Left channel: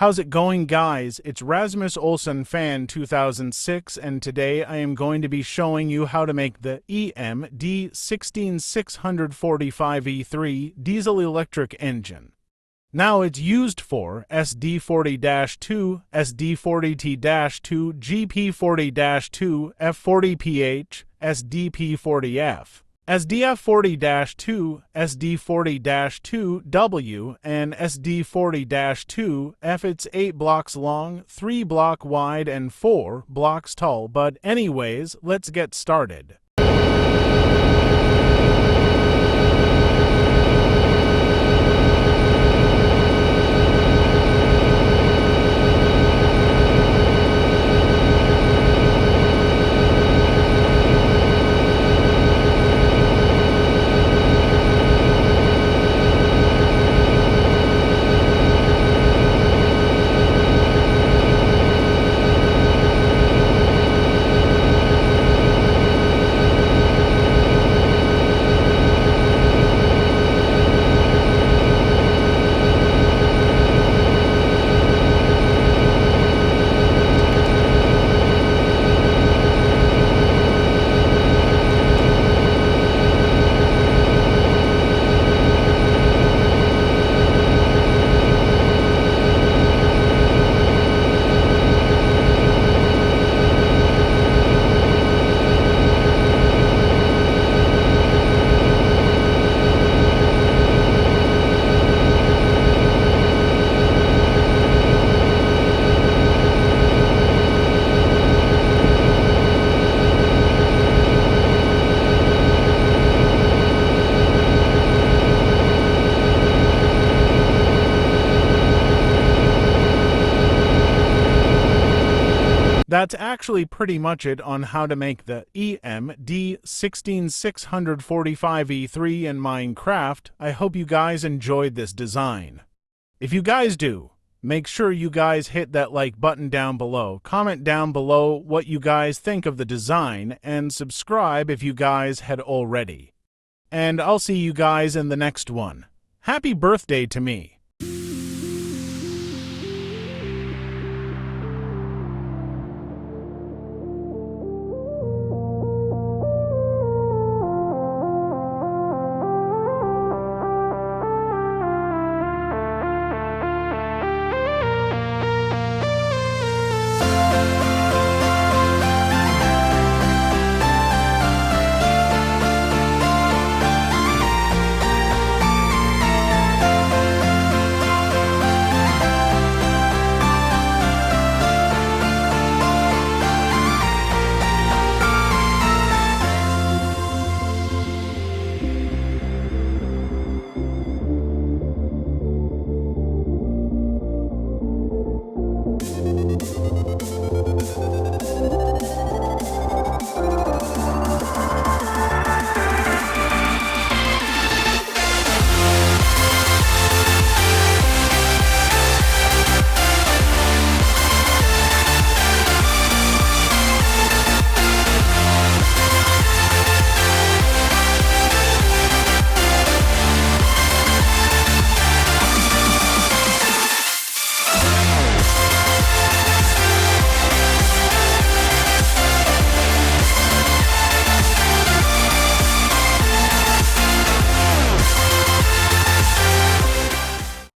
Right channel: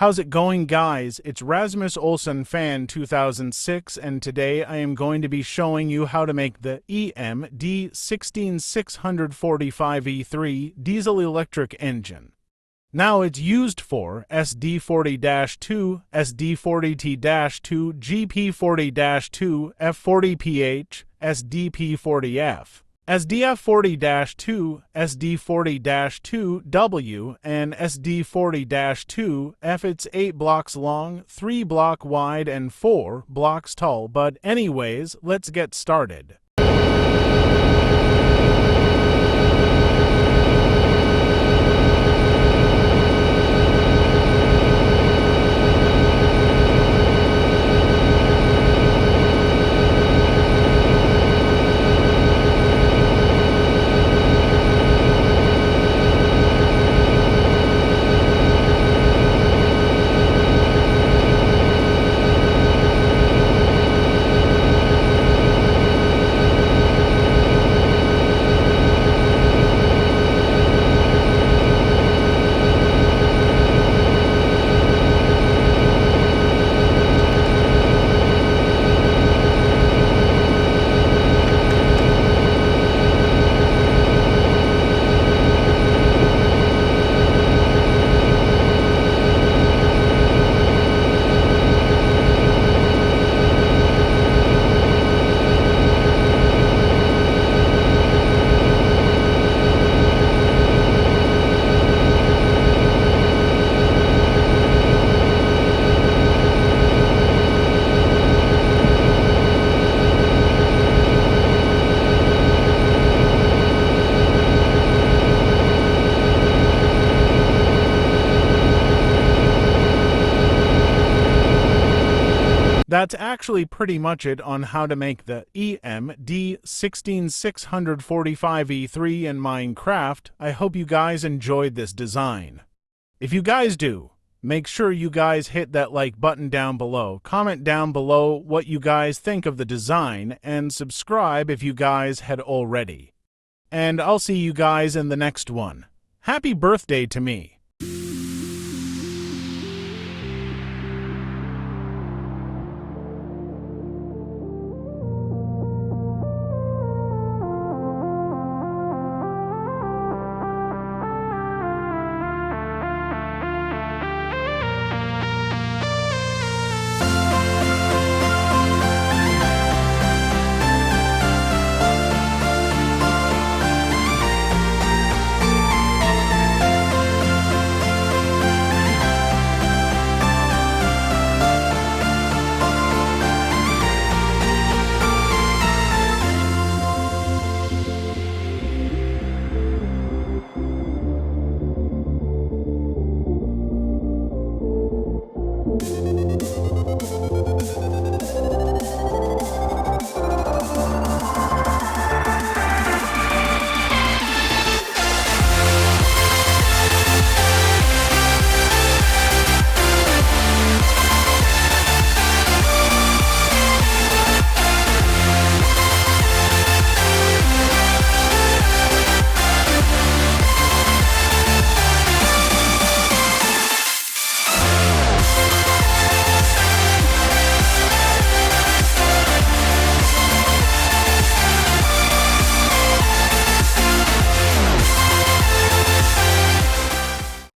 How's it going, guys? It's Rasmus Olsson Fan 2006, and today I am going to be showing you how to make the EMD 16645E3 diesel-electric engine. Now it's used for SD40-2, SD40T-2, GP40-2, F40PH, SDP40F. SDF40-2, SD40-2W, and SD40-2F. It's 8 blocks long, 3 blocks wide, and 4 blocks tall. But anyways, let's get started. That's actually pretty much it on how to make the EMD 16645E3 in Minecraft. I hope you guys enjoyed this design. If you guys do, make sure you guys hit that like button down below, comment down below what you guys think of the design, and subscribe if you guys had already. And I'll see you guys in the next one. Happy birthday to me!